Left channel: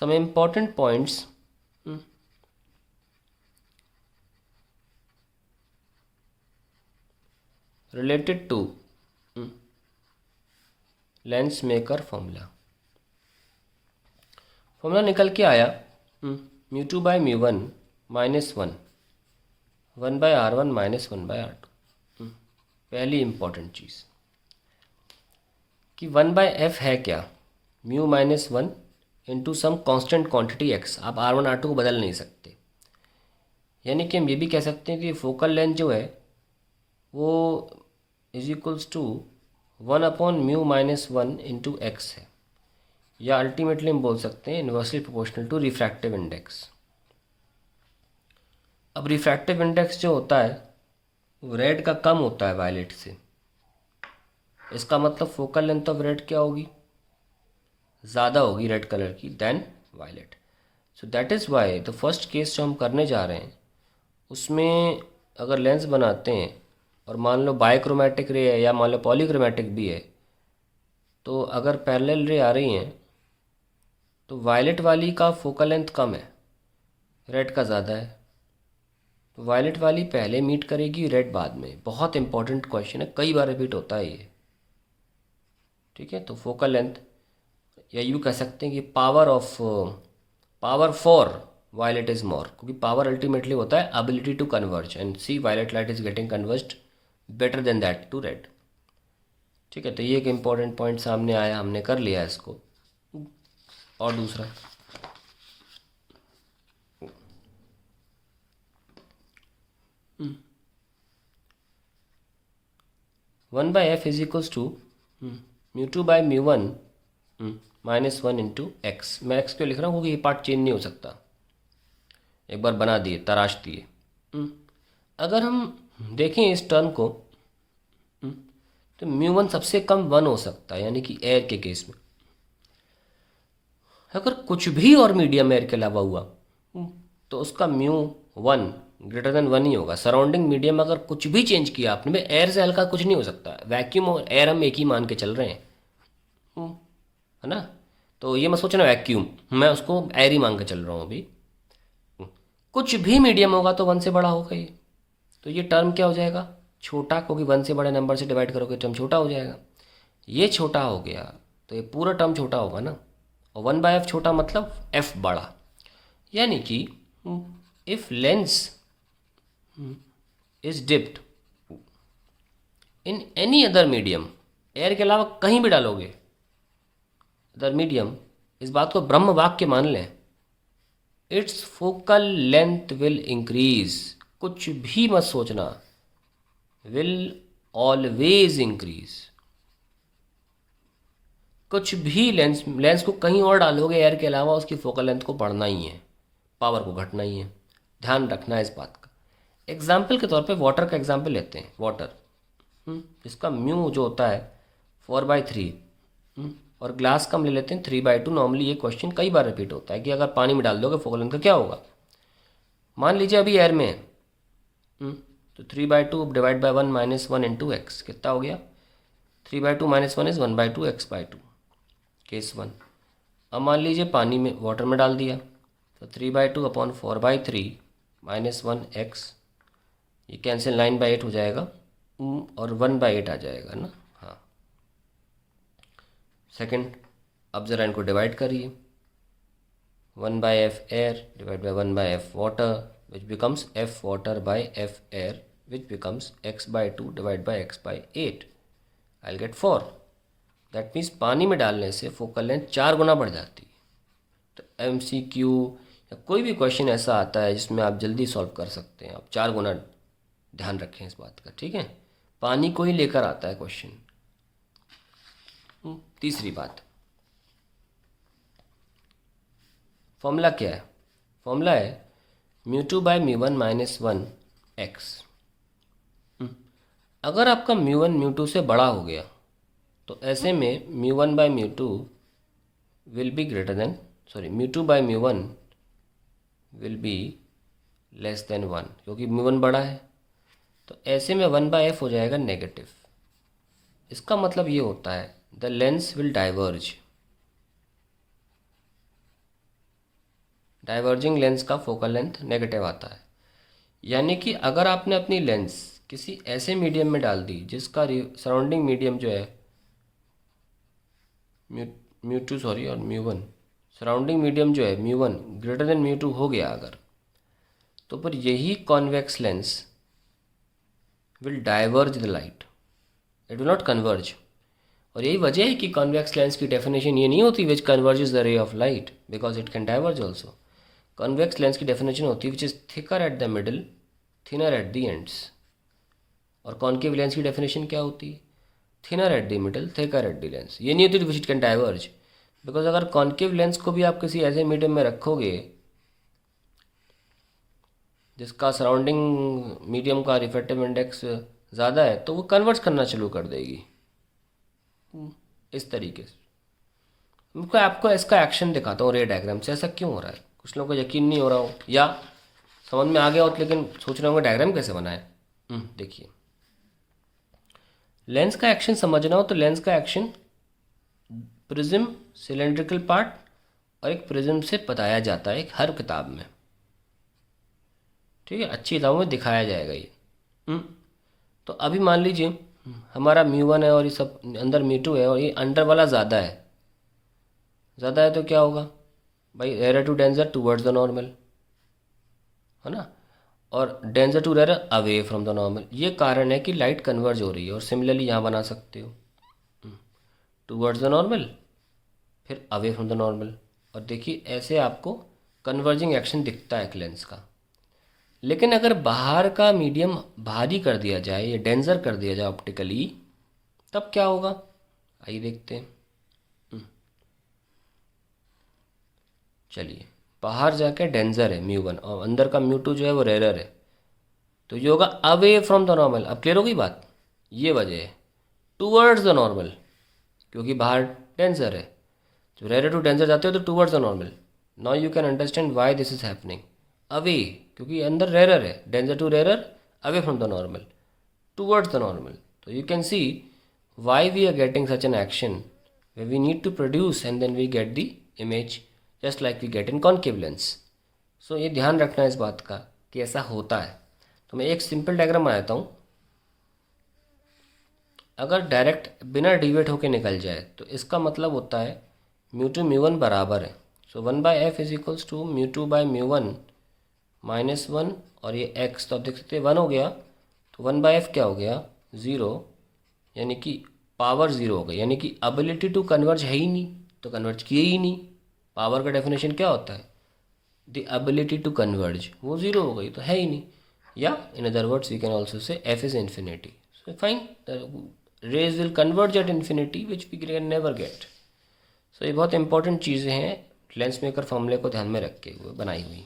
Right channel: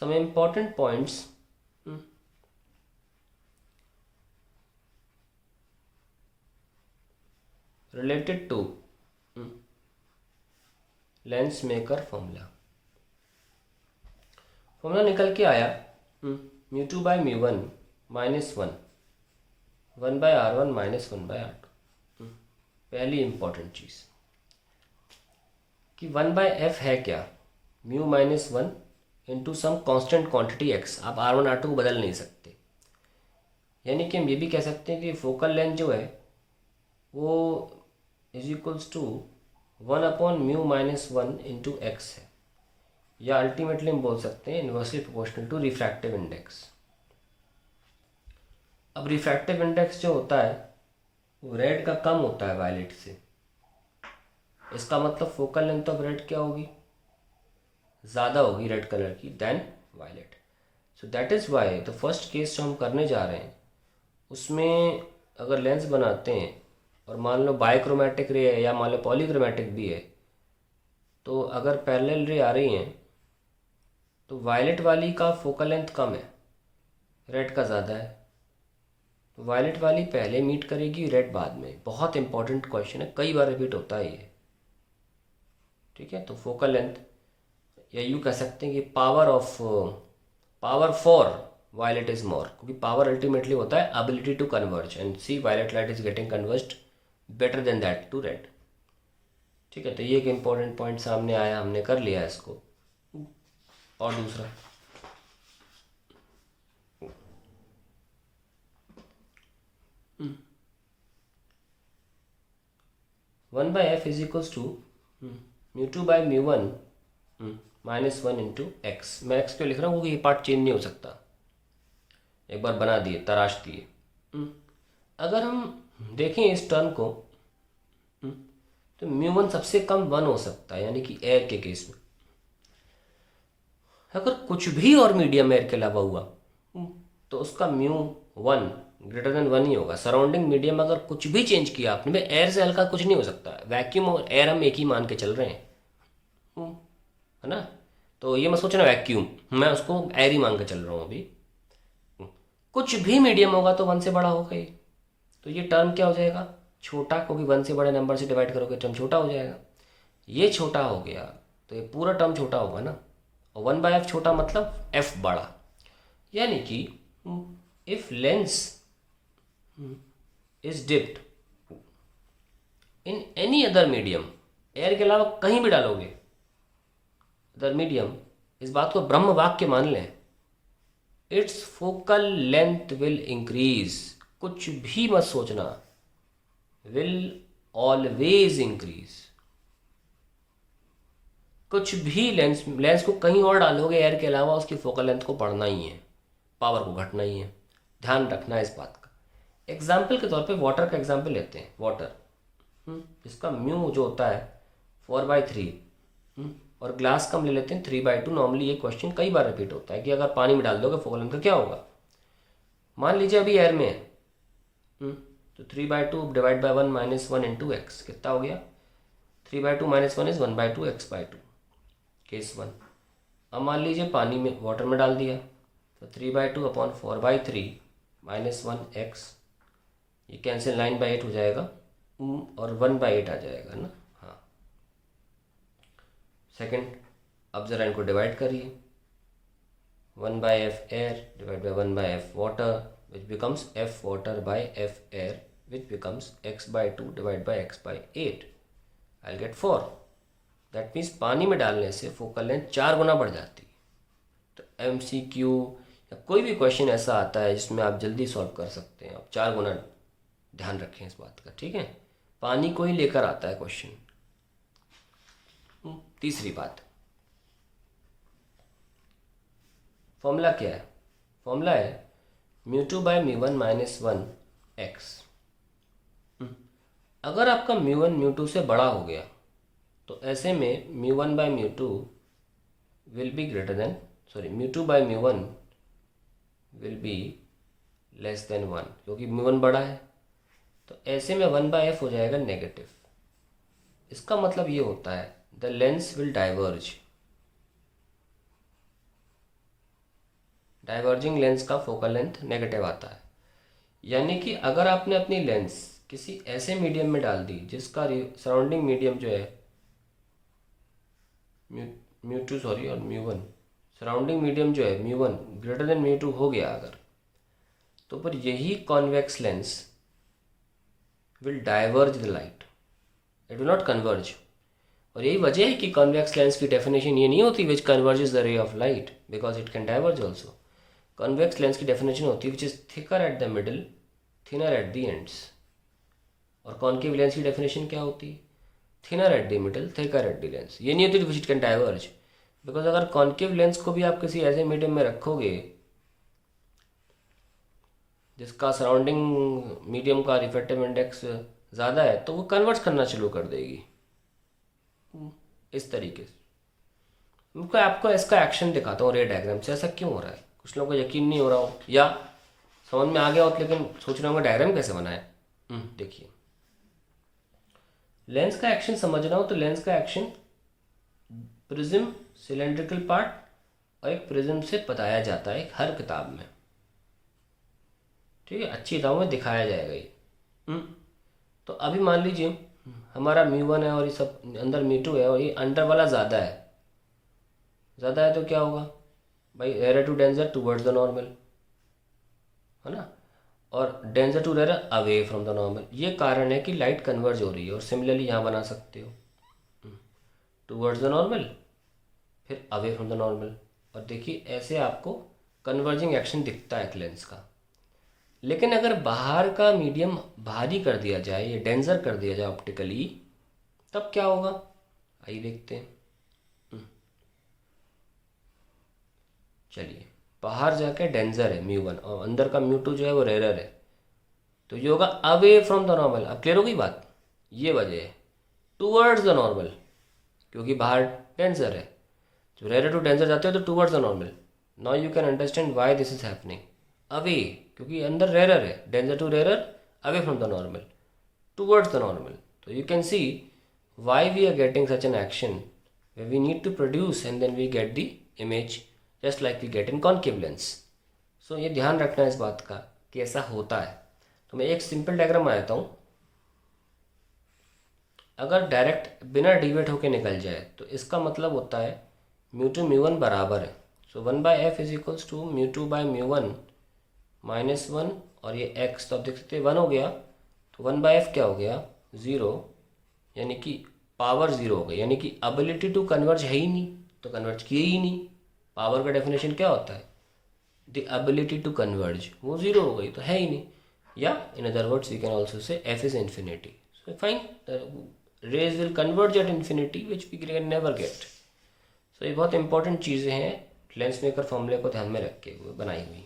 some important points related to lens maker formula. Formula निकल के आया mu two by mu one minus one, one by R one minus one by R two. पहली important चीज़ कि one by F है क्या, mu minus one into some constant quantity X. आप R one R two को बदल नहीं सकते, यानी कि हम ये भी कह सकते हैं कि फोकल लेंथ जो है वो is equals to one upon mu minus one into X है, या अल्टीमेटली हम बोल सकते हैं inversely proportional to refractive index. अब रिफ्रैक्टिव इंडेक्स जो होता है वो रेड का कम होता है वायलेट से। इसका मतलब फोकल लेंथ ऑफ रेड क्या होगी, ज़्यादा होगी रेड कलर की than violet. So that is why the first case जो हम करने जा रहे हैं उसमें अगर लेंस बनाते हैं और मान लो बायक्रोमेटिक रे है या मान लो पॉलीक्रोमेटिक भी है, तो अगर पैरेलल रे आ रही हैं तो वायलेट वाली का फोकल लेंथ कम है, रेड का ज़्यादा है, तो वायलेट वाली पहले मीट करेगी, रेड बाद में। बहुत इंपॉर्टेंट क्वेश्चन है, कई बार रिपीट होता है ये, ठीक है। तो फोकल लेंथ, या यूँ कह सकते हैं कि power for violet is more, क्योंकि पावर अल्टीमेटली होता है ability to converge, and see violet light is getting converged better than that to red, ठीक है। तो ये एक इम्पॉर्टेंट पॉइंट सामने आया, हमने कर लिया इसको। और दूसरा one by F is equals to mu two by mu one minus one into X. मैं एक्स क्यों लिख रहा हूँ, क्योंकि ये पार्ट चेंज नहीं हो सकता, एक बार बना दिए, तराश दिए। अगर हम देखें इस टर्म को तो म्यू वन सबसे कम वन हो सकता है, यानी कि एयर के केस में। अगर कुछ भी और मीडियम एयर के अलावा हुआ तो उसका mu one greater than one ही होगा। सराउंडिंग मीडियम अगर कुछ भी चेंज किया आपने, भाई एयर से हल्का कुछ नहीं हो सकता, वैक्यूम और एयर हम एक ही मान के चल रहे हैं, है ना। तो ये मत सोचना वैक्यूम, मैं उसको एयर ही मान के चल रहा हूँ अभी। कुछ भी मीडियम होगा तो वन से बड़ा होगा ये, तो ये टर्म क्या हो जाएगा, छोटा, क्योंकि वन से बड़े नंबर से डिवाइड करोगे टर्म छोटा हो जाएगा। ये छोटा हो गया तो ये पूरा टर्म छोटा होगा ना, और वन बाय एफ छोटा मतलब एफ बड़ा, यानी कि if lens is dipped in any other medium, air के अलावा कहीं भी डालोगे अदर मीडियम, इस बात को ब्रह्म वाक्य मान लें, it's focal length will increase. कुछ भी मत सोचना, विल ऑलवेज इंक्रीज। कुछ भी लेंस को कहीं और डालोगे एयर के अलावा, उसकी फोकल लेंथ को बढ़ना ही है, पावर को घटना ही है, ध्यान रखना है इस बात का। एग्जाम्पल के तौर पे वाटर का एग्जाम्पल लेते हैं। वाटर इसका म्यू जो होता है 4/3 और ग्लास का हम ले लेते हैं 3/2। नॉर्मली ये क्वेश्चन कई बार रिपीट होता है कि अगर पानी में डाल दोगे फोकल लेंथ का क्या होगा। मान लीजिए अभी एयर में है, तो 3/2 divide by one minus one into x कितना हो गया, 3/2 minus one is 1/2 x/2, case one. अब मान लीजिए पानी में, वाटर में डाल दिया, तो 3/2 अपॉन 4/3 माइनस वन एक्स, ये कैंसिल 9/8 हो जाएगा और 1/8 आ जाएगा ना। हाँ, सेकंड। अब ज़रा इनको डिवाइड करिए, 1/f air divide by 1/f water which becomes f water by f air which becomes x/2 divide by x/8। I will get 4। That means पानी में डालने से फोकल लेंथ 4 गुना बढ़ जाती है। तो MCQ या कोई भी क्वेश्चन ऐसा आता है जिसमें आप जल्दी सॉल्व कर सकते हैं, आप 4 गुना ध्यान रखें इस बात का, ठीक है। पानी को ही लेकर आता है क्वेश्चन। तीसरी बात, फॉर्मूला क्या है, फॉर्मूला है mu two by mu one minus one x. अगर आपका म्यू वन म्यू टू से बड़ा हो गया तो ऐसे में mu one by mu two will be greater than, sorry, mu two by mu one will be less than one, क्योंकि म्यू वन बड़ा है। तो ऐसे में 1/f हो जाएगा नेगेटिव। इसका मतलब ये होता है the lens will diverge, diverging lens का फोकल लेंथ नेगेटिव आता है। यानी कि अगर आपने अपनी लेंस किसी ऐसे मीडियम में डाल दी जिसका सराउंडिंग मीडियम जो है म्यू टू सॉरी और म्यू1, सराउंडिंग मीडियम जो है म्यू1 ग्रेटर देन म्यू2 हो गया अगर, तो पर यही convex lens will diverge the light, it will not converge. और यही वजह है कि कॉन्वेक्स लेंस की डेफिनेशन ये नहीं होती which converges the ray of light, because it can diverge also. Convex lens की डेफिनेशन होती है which is thicker at the middle, thinner at the ends. और कॉन्केव लेंस की डेफिनेशन क्या होती है? Thinner at the middle, thicker at the lens. ये नहीं होती which it can diverge, because अगर कॉन्केव लेंस को भी आप किसी ऐसे मीडियम में रखोगे जिसका सराउंडिंग मीडियम का रिफ्रैक्टिव इंडेक्स ज़्यादा है, तो वो कन्वर्ट करना शुरू कर देगी इस तरीके से। मैं आपको इसका एक्शन दिखाता हूँ रे डायग्राम से, ऐसा क्यों हो रहा है। कुछ लोगों को यकीन नहीं हो रहा हो या समझ में आ गया हो, लेकिन सोच रहे होंगे डायग्राम कैसे बनाए। देखिए, लेंस का एक्शन समझना हो तो लेंस का एक्शन प्रिज्म, सिलेंड्रिकल पार्ट और एक प्रिज्म से बताया जाता है हर किताब में, ठीक है। अच्छी किताबों में दिखाया जाएगा ये। तो अभी मान लीजिए हमारा म्यू1 है और ये सब अंदर म्यू2 है और ये अंडर वाला ज़्यादा है तो क्या होगा भाई, rare to denser towards the normal, है ना, और denser to rare away from the normal. ये कारण है कि लाइट कन्वर्ज हो रही है। और सिमिलरली यहाँ बना सकते हो टूवर्ड्स द नॉर्मल फिर अवे फ्रॉम द नॉर्मल। और देखिए ऐसे आपको कन्वर्जिंग एक्शन दिखता है एक लेंस का। लेकिन अगर बाहर का मीडियम भारी कर दिया जाए या डेंजर कर दिया जाए ऑप्टिकली, तब क्या होगा आइए देखते हैं। चलिए, बाहर जाके डेंजर है म्यू1 और अंदर का म्यू2 जो है वो रेयर है, तो ये होगा अवे फ्रॉम द नॉर्मल। अब क्लियर होगी बात, ये वजह है टूवर्ड्स द नॉर्मल, क्योंकि बाहर डेंजर है तो रेयर टू डेंजर जाते हो तो towards the normal. Now you can understand why this is happening. Away क्योंकि अंदर रेयर है, denser to rare, away from the normal, towards the normal. तो you can see why we are getting such an action where we need to produce and then we get the image just like we get in concave lens. So ये ध्यान रखना है इस बात का कि ऐसा होता है। तो मैं एक सिंपल डायग्राम बनाता हूँ। अगर डायरेक्ट बिना डिवेट होके निकल जाए तो इसका मतलब होता है म्यू2 म्यू1 बराबर है। सो 1/f इज इक्वल्स टू म्यू2/म्यू1 -1 और ये x, तो आप देख सकते हैं 1 हो गया, तो 1/f क्या हो गया 0, यानी कि पावर 0 हो गई, यानी कि एबिलिटी टू कन्वर्ज है ही नहीं, तो कन्वर्ज किए ही नहीं। पावर का डेफिनेशन क्या होता है, द एबिलिटी टू कन्वर्ज, वो 0 हो गई तो है ही नहीं। या in other words we can also say f is infinity. So fine, rays will converge at infinity which we can never get. So ये बहुत इंपॉर्टेंट चीज़ें हैं लेंस मेकर फॉर्मूले को ध्यान में रख के बनाई हुई।